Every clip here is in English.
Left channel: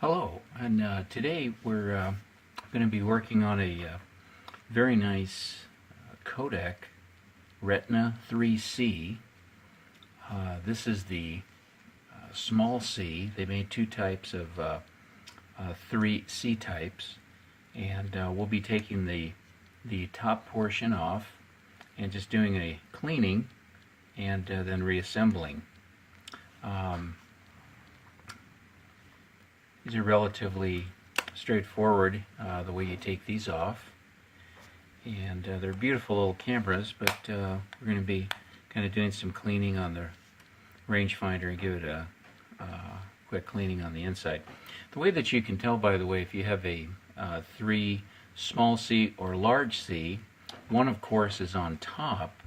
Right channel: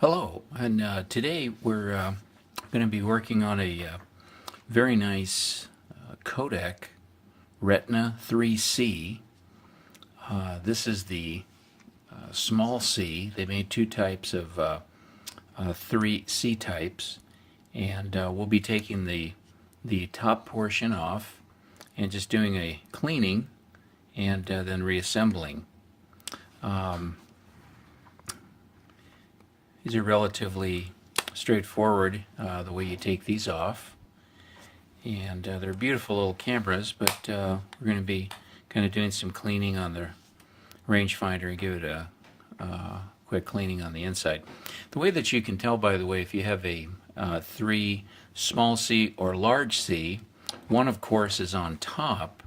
Hello, and today we're going to be working on a very nice KODAK Retina 3C. This is the small C. They made two types of 3C types, and we'll be taking the top portion off and just doing a cleaning and then reassembling. These are relatively straightforward, the way you take these off. And they're beautiful little cameras, but we're going to be kind of doing some cleaning on the rangefinder and give it a quick cleaning on the inside. The way that you can tell, by the way, if you have a 3 small C or large C, one of course is on top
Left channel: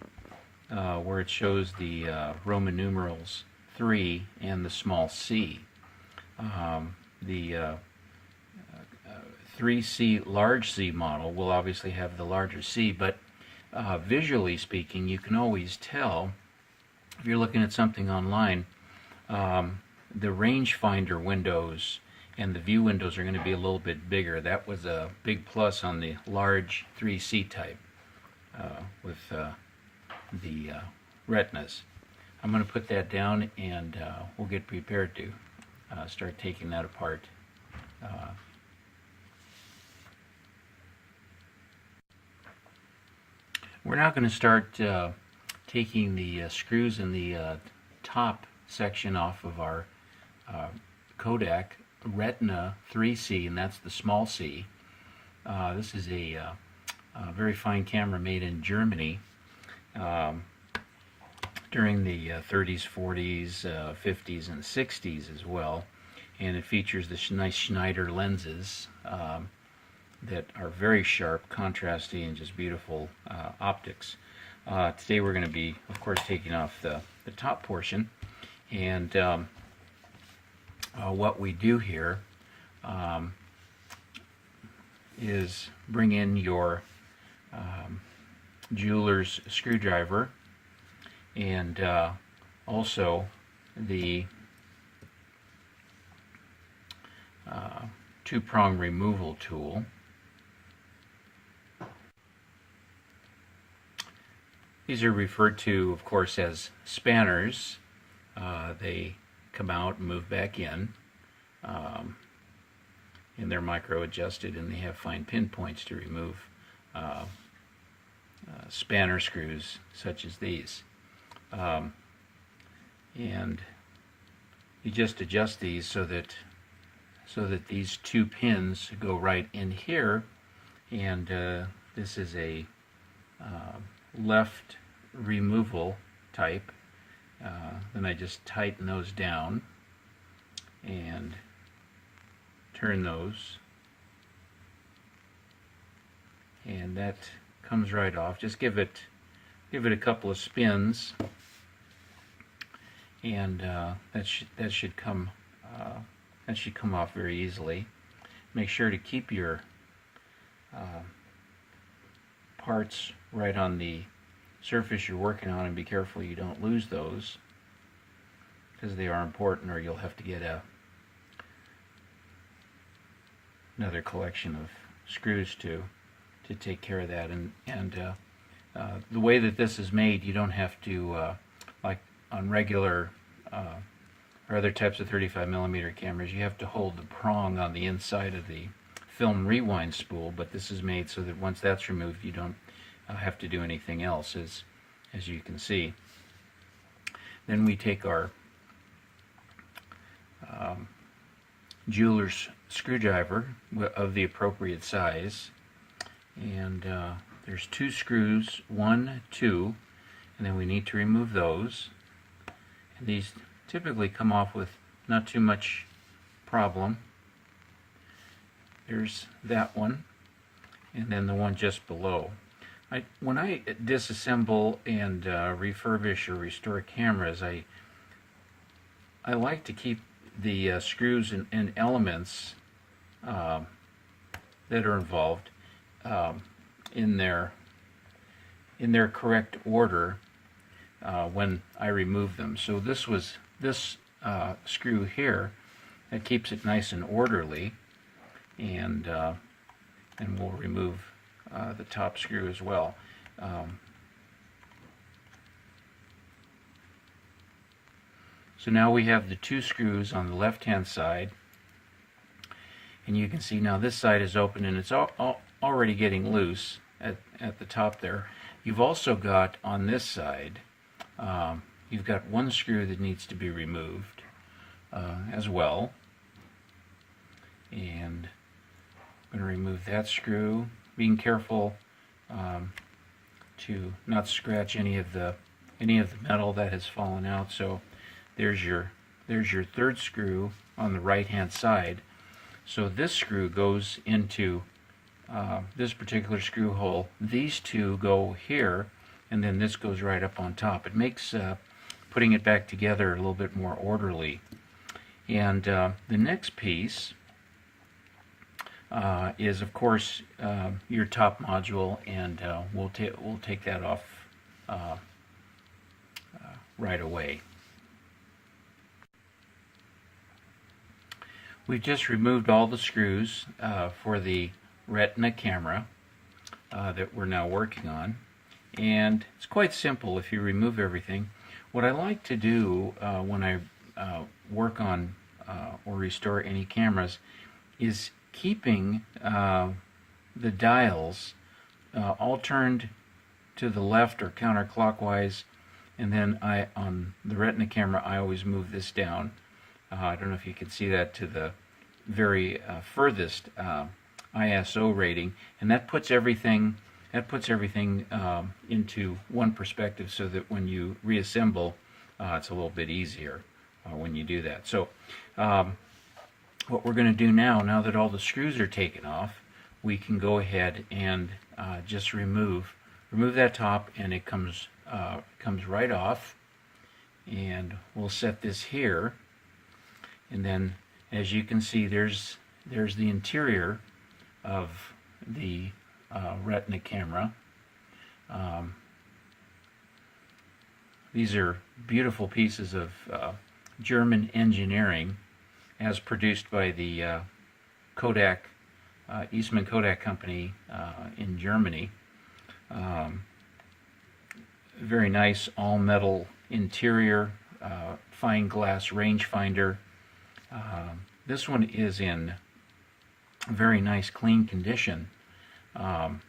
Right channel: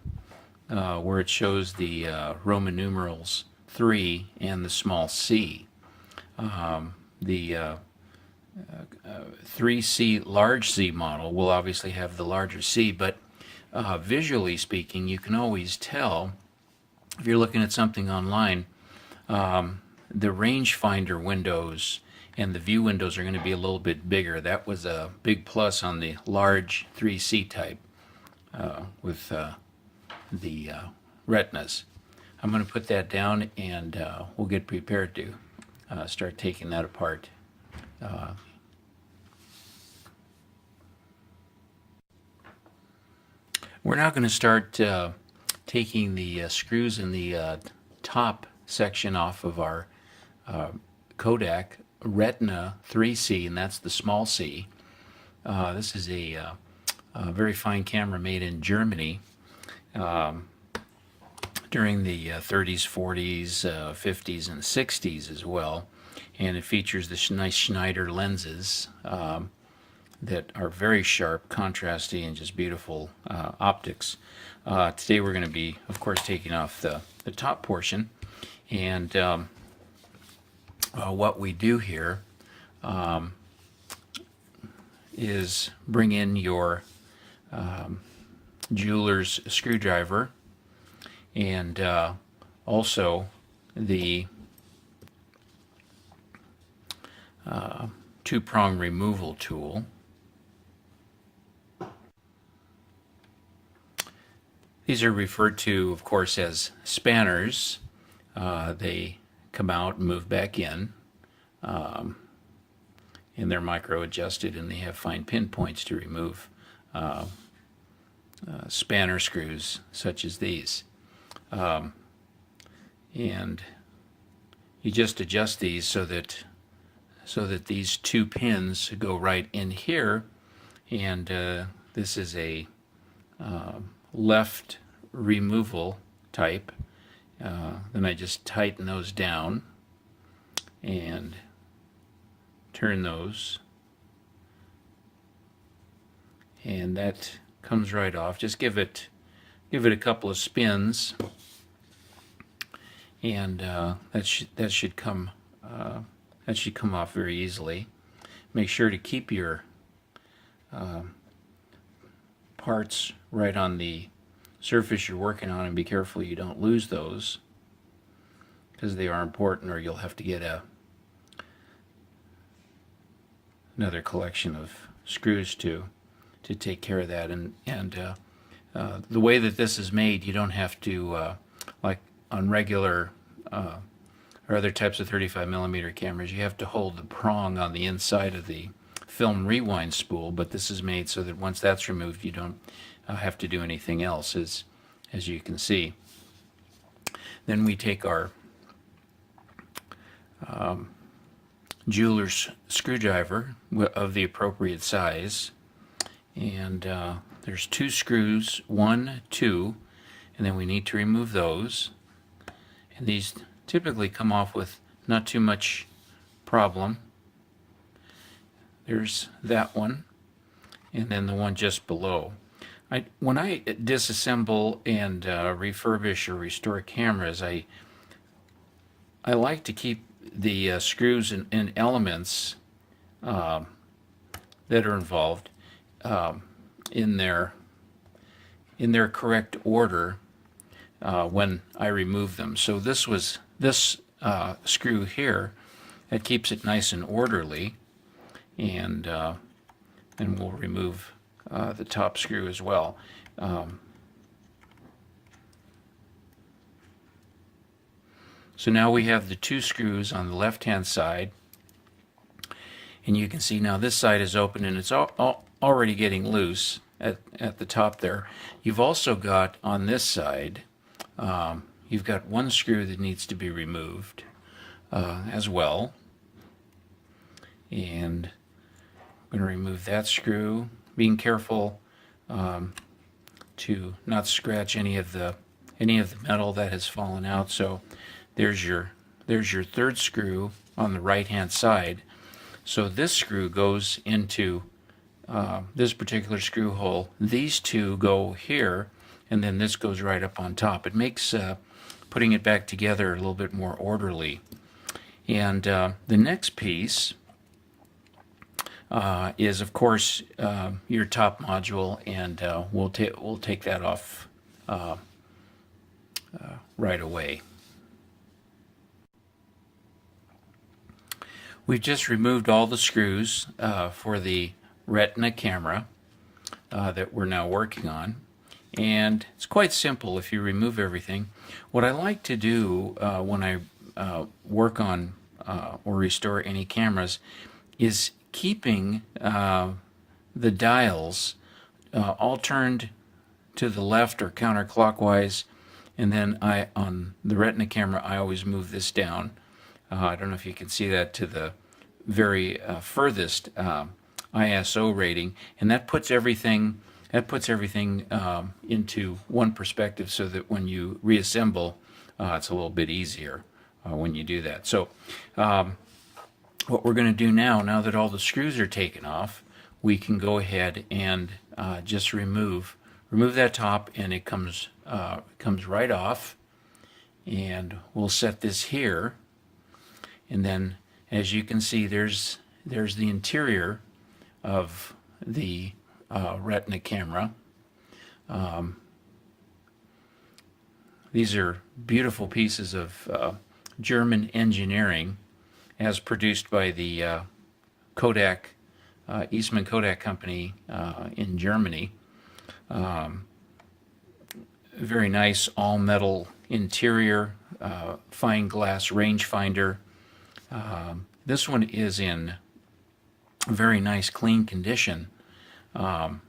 where it shows the Roman numerals 3 and the small c. The 3C large C model will obviously have the larger C, but visually speaking, you can always tell if you're looking at something online, the rangefinder windows and the view windows are going to be a little bit bigger. That was a big plus on the large 3C type with the retinas. I'm going to put that down and we'll get prepared to start taking that apart. We're now going to start taking the screws in the top section off of our KODAK Retina 3C, and that's the small C. This is a very fine camera made in Germany during the 30s, 40s, 50s, and 60s as well. And it features the nice Schneider lenses that are very sharp, contrasty, and just beautiful optics. Today we're going to be, of course, taking off the top portion. And what we do here is bring in your jeweler's screwdriver and also the two-prong removal tool. These are referred to, of course, as spanners. They come out and move back in, and they're micro-adjusted, and they have fine pinpoints to remove spanner screws such as these. And you just adjust these so that these two pins go right in here, and this is a left removal type. Then I just tighten those down and turn those, and that comes right off. Just give it a couple of spins, and that should come off very easily. Make sure to keep your parts right on the surface you're working on, and be careful you don't lose those, because they are important, or you'll have to get another collection of screws to take care of that. And the way that this is made, you don't have to, like on regular or other types of 35mm cameras, you have to hold the prong on the inside of the film rewind spool, but this is made so that once that's removed, you don't have to do anything else, as you can see. Then we take our jeweler's screwdriver of the appropriate size, and there's 2 screws, 1, 2, and then we need to remove those. And these typically come off with not too much problem. There's that one, and then the one just below. When I disassemble and refurbish or restore cameras, I like to keep the screws and elements that are involved in their correct order when I remove them. So this screw here that keeps it nice and orderly. And we'll remove the top screw as well. So now we have the two screws on the left-hand side, and you can see now this side is open and it's already getting loose at the top there. You've also got on this side, you've got one screw that needs to be removed as well. And I'm going to remove that screw, being careful to not scratch any of the metal that has fallen out. So there's your third screw on the right hand side. So this screw goes into this particular screw hole. These two go here, and then this goes right up on top. It makes putting it back together a little bit more orderly. And the next piece is, of course, your top module, and we'll take that off right away. We've just removed all the screws for the Retina camera that we're now working on, and it's quite simple if you remove everything. What I like to do when I work on or restore any cameras is keeping the dials all turned to the left or counterclockwise, and then on the Retina camera I always move this down. I don't know if you can see that to the very furthest ISO rating, and that puts everything into one perspective, so that when you reassemble, it's a little bit easier when you do that. So what we're going to do now that all the screws are taken off, we can go ahead and just remove that top, and it comes right off. And we'll set this here, and then as you can see, there's the interior of the Retina camera. These are beautiful pieces of German engineering, as produced by the KODAK, Eastman Kodak Company in Germany. Very nice all-metal interior, fine glass rangefinder. This one is in very nice clean condition, and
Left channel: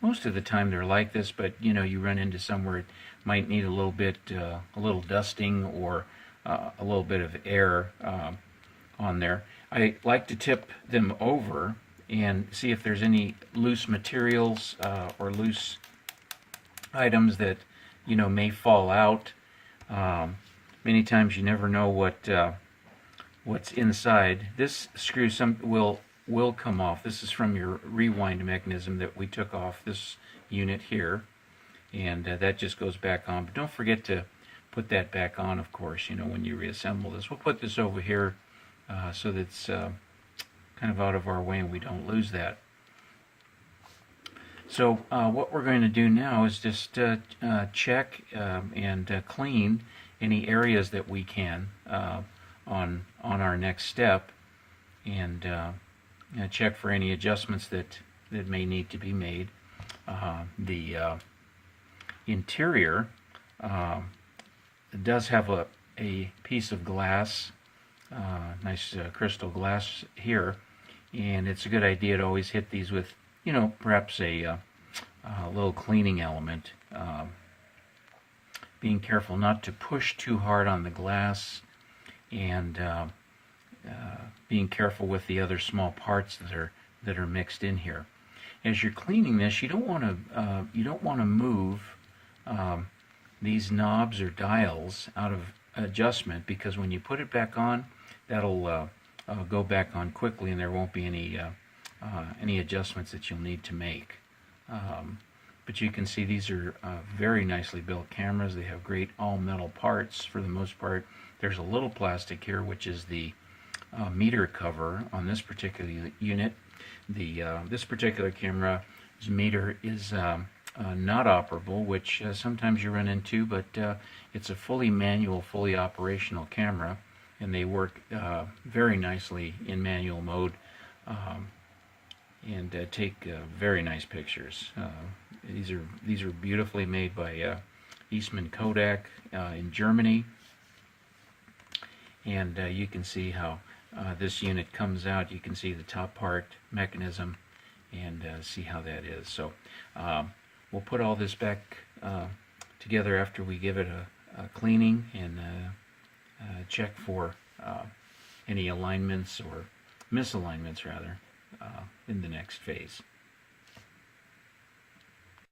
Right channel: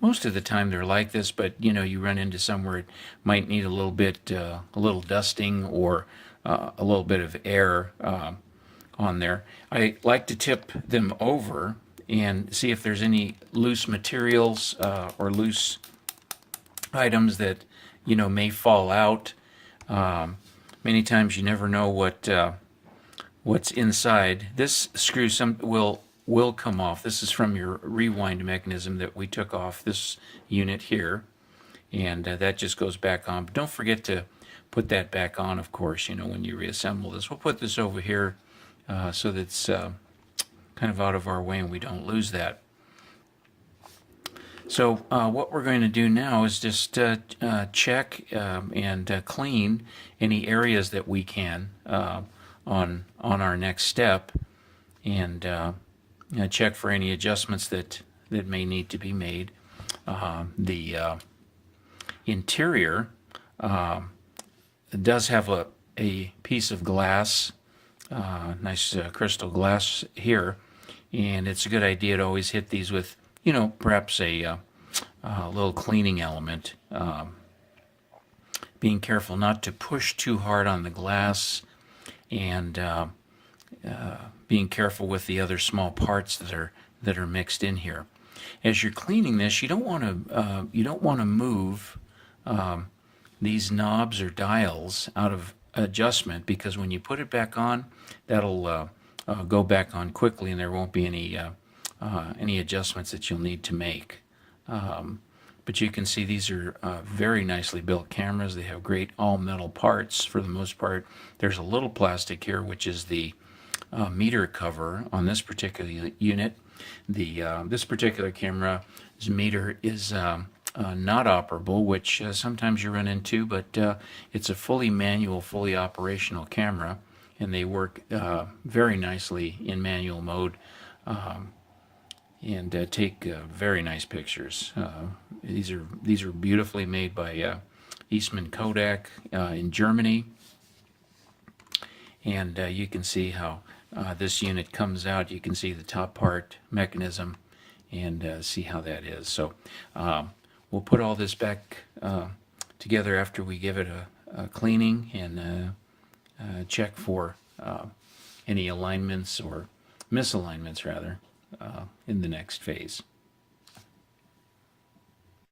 most of the time they're like this, but you run into somewhere it might need a little dusting or a little bit of air on there. I like to tip them over and see if there's any loose materials or loose items that may fall out. Many times you never know what's inside. This screw will come off. This is from your rewind mechanism that we took off this unit here, and that just goes back on. But don't forget to put that back on, of course, when you reassemble this. We'll put this over here so that it's kind of out of our way and we don't lose that. So what we're going to do now is just check and clean any areas that we can on our next step, and check for any adjustments that may need to be made. The interior does have a piece of glass, nice crystal glass here, and it's a good idea to always hit these with perhaps a little cleaning element. Being careful not to push too hard on the glass, and being careful with the other small parts that are mixed in here. As you're cleaning this, you don't want to move these knobs or dials out of adjustment, because when you put it back on, that'll go back on quickly, and there won't be any adjustments that you'll need to make. But you can see these are very nicely built cameras. They have great all-metal parts for the most part. There's a little plastic here, which is the meter cover on this particular unit. This particular camera's meter is not operable, which sometimes you run into, but it's a fully manual, fully operational camera. and they work very nicely in manual mode, and take very nice pictures. These are beautifully made by Eastman Kodak in Germany, and you can see how this unit comes out. You can see the top part mechanism and see how that is. So we'll put all this back together after we give it a cleaning and check for any alignments or misalignments rather in the next phase.